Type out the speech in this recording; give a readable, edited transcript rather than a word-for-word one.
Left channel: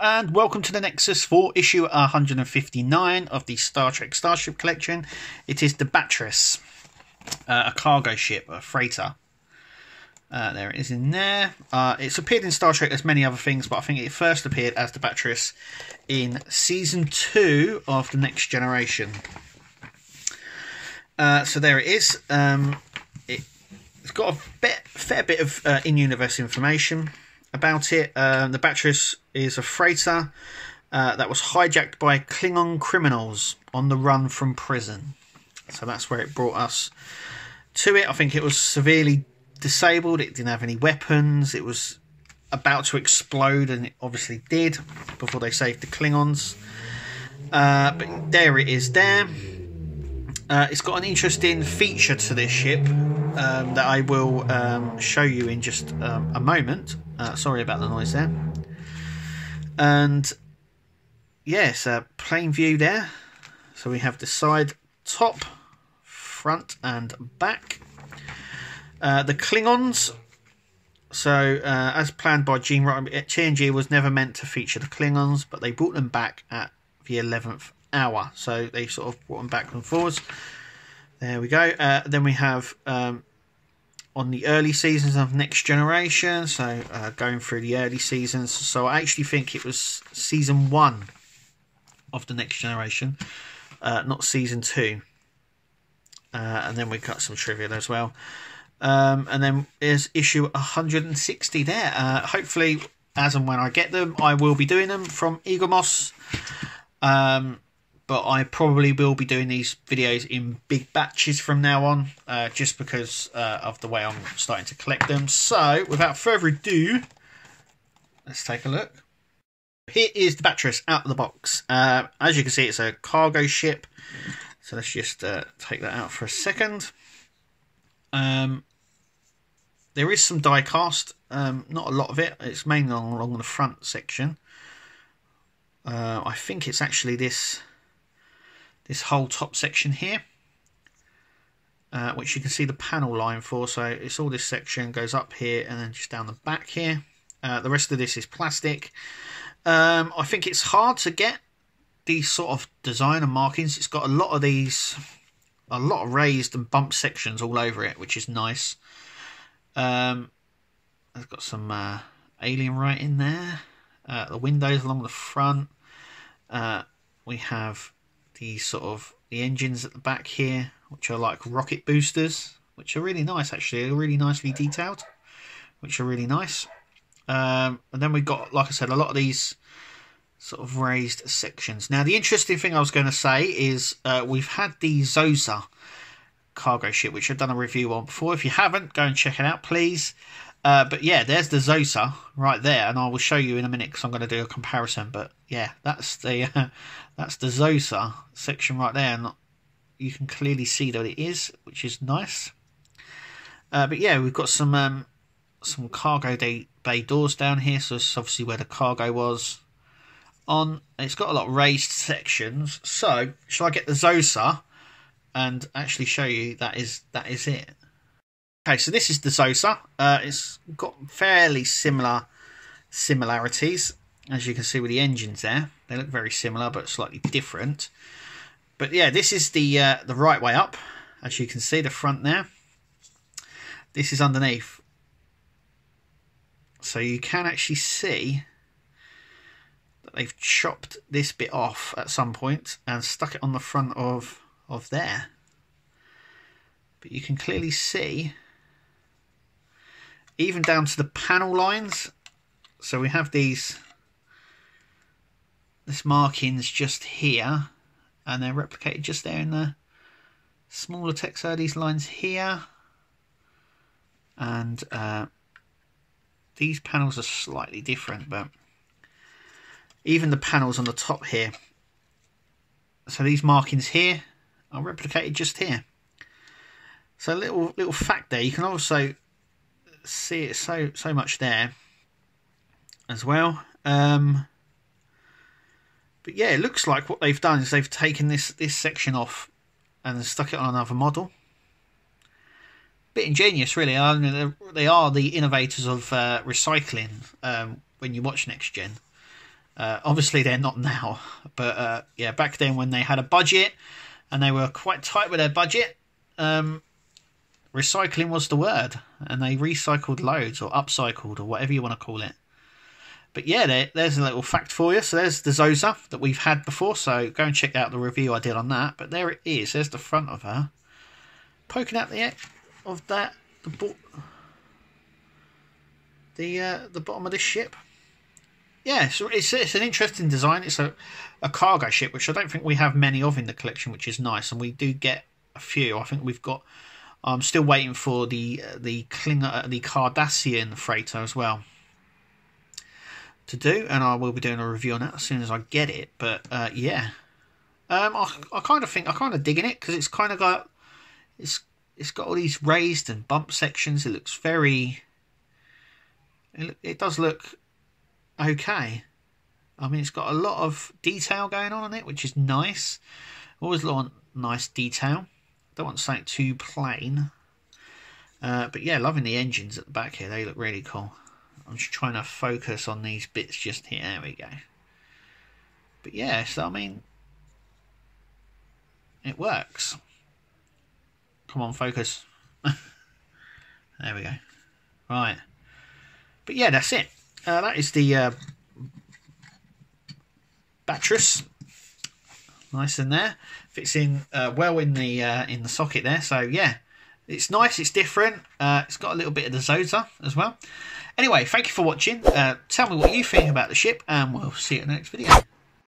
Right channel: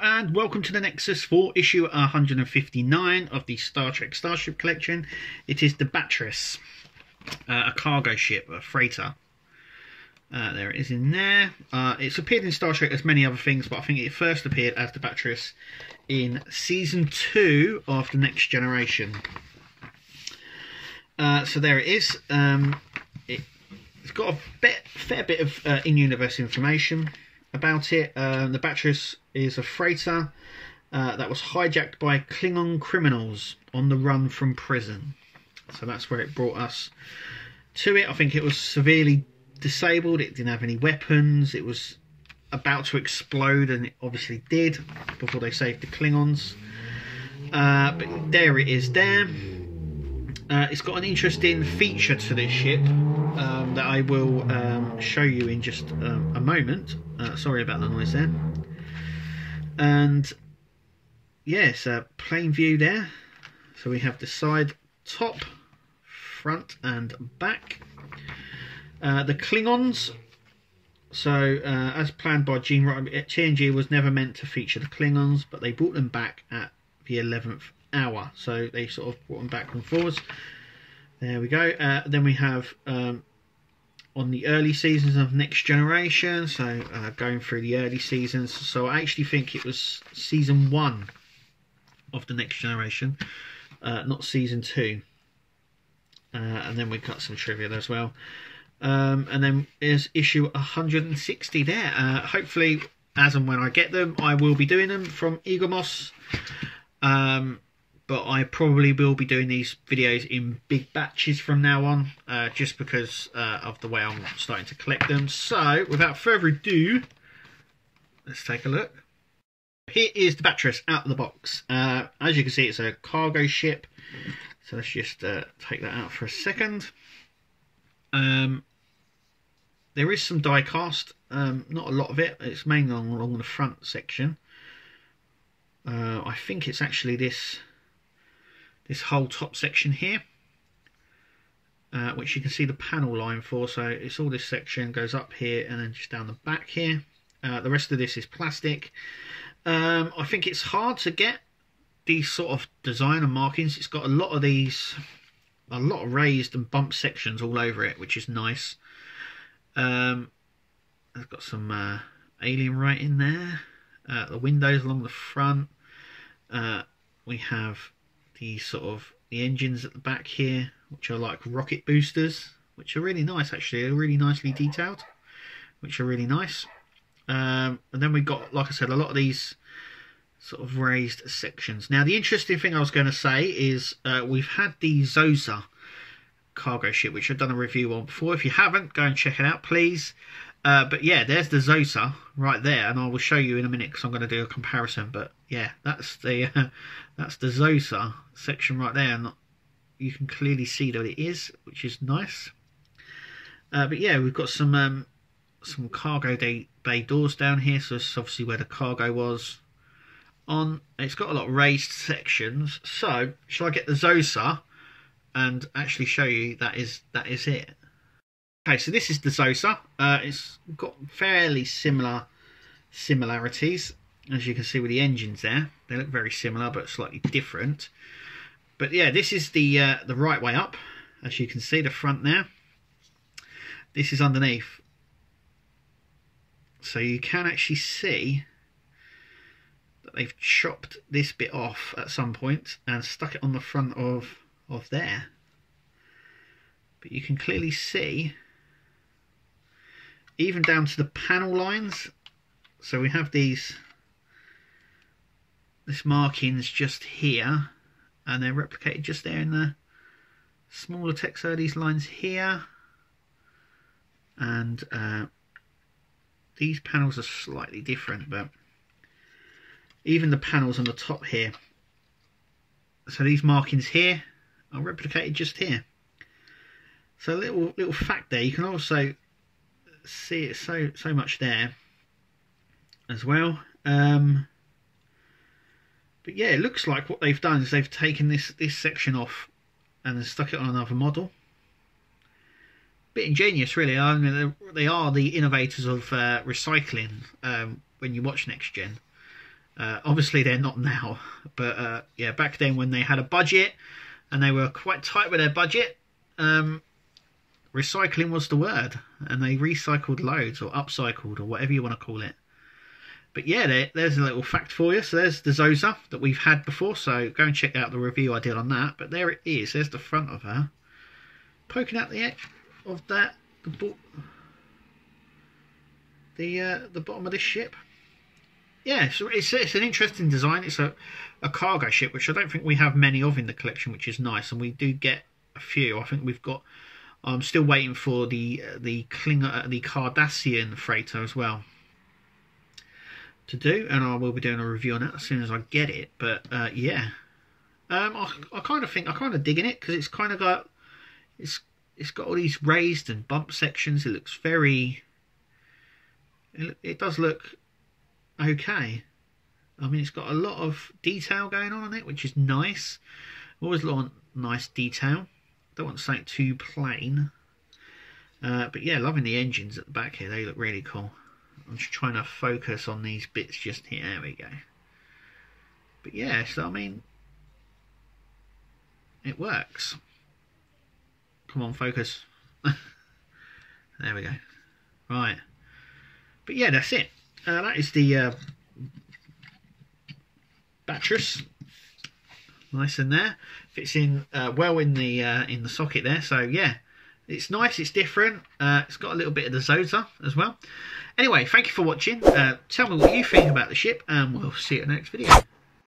Hello and welcome to the Nexus for issue 159 of the Star Trek Starship collection. It is the Batris, a cargo ship, a freighter. There it is in there. It's appeared in Star Trek as many other things, but I think it first appeared as the Batris in Season 2 of The Next Generation. So there it is. It's got a fair bit of in-universe information about it. The Batris is a freighter that was hijacked by Klingon criminals on the run from prison. So that's where it brought us to it. I think it was severely disabled. It didn't have any weapons. It was about to explode, and it obviously did before they saved the Klingons. But there it is there. It's got an interesting feature to this ship that I will show you in just a moment. Sorry about the noise there. And yes, plain view there. So we have the side, top, front and back. The Klingons. So as planned by Gene Roddenberry, TNG was never meant to feature the Klingons, but they brought them back at the 11th hour. So they sort of brought them back and forwards. There we go. Then we have on the early seasons of Next Generation, so going through the early seasons. So I actually think it was season 1 of the Next Generation, not season 2. And then we've got some trivia as well. And then there's issue 160 there. Hopefully, as and when I get them, I will be doing them from Egomos. But I probably will be doing these videos in big batches from now on, just because of the way I'm starting to collect them. So, without further ado, let's take a look. Here is the Batris out of the box. As you can see, it's a cargo ship. So let's just take that out for a second. There is some die cast, not a lot of it. It's mainly along the front section. I think it's actually this whole top section here, which you can see the panel line for. So it's all this section goes up here and then just down the back here. The rest of this is plastic. I think it's hard to get these sort of designer markings. It's got a lot of these, a lot of raised and bumped sections all over it, which is nice. It's got some alien writing there. The windows along the front. We have the engines at the back here, which are like rocket boosters, which are really nice actually. They're really nicely detailed, which are really nice. And then we've got, like I said, a lot of these sort of raised sections. Now the interesting thing I was going to say is we've had the Zosa cargo ship, which I've done a review on before. If you haven't, go and check it out please. But yeah, there's the Zosa right there, and I will show you in a minute because I'm going to do a comparison. But yeah, that's the Zosa section right there, and you can clearly see that it is, which is nice. But yeah, we've got some cargo bay doors down here, so this is obviously where the cargo was on. It's got a lot of raised sections. So shall I get the Zosa and actually show you that is it? Okay, so this is the Zosa. It's got fairly similarities, as you can see with the engines there. They look very similar, but slightly different. But yeah, this is the right way up, as you can see, the front there. This is underneath, so you can actually see that they've chopped this bit off at some point and stuck it on the front of there. But you can clearly see, even down to the panel lines. So we have this markings just here, and they're replicated just there in the smaller text. So these lines here, and these panels are slightly different, but even the panels on the top here. So these markings here are replicated just here. So little fact there. You can also see it so much there as well. But yeah, it looks like what they've done is they've taken this section off and stuck it on another model. Bit ingenious really. They are the innovators of recycling when you watch Next Gen. Obviously they're not now, but yeah, back then when they had a budget and they were quite tight with their budget, recycling was the word, and they recycled loads, or upcycled, or whatever you want to call it. But yeah, there's a little fact for you. So there's the Zosa that we've had before, so go and check out the review I did on that. But there it is. There's the front of her, poking out the edge of that, the bottom of this ship. Yeah, so it's an interesting design. It's a cargo ship, which I don't think we have many of in the collection, which is nice, and we do get a few. I think we've got. I'm still waiting for the Cardassian freighter as well to do, and I will be doing a review on it as soon as I get it. But yeah, I kind of digging it, because it's kind of got it's got all these raised and bump sections. It looks very. It does look okay. I mean, it's got a lot of detail going on it, which is nice. Always want nice detail. Don't want something too plain. But yeah, loving the engines at the back here. They look really cool. I'm just trying to focus on these bits just here. There we go. But yeah, so I mean, it works. Come on, focus. There we go. Right. But yeah, that's it. That is the Batris. Nice in there. Fits in well in the socket there. So yeah, it's nice. It's different. It's got a little bit of the Zosa as well. Anyway, thank you for watching. Tell me what you think about the ship, and we'll see you in the next video.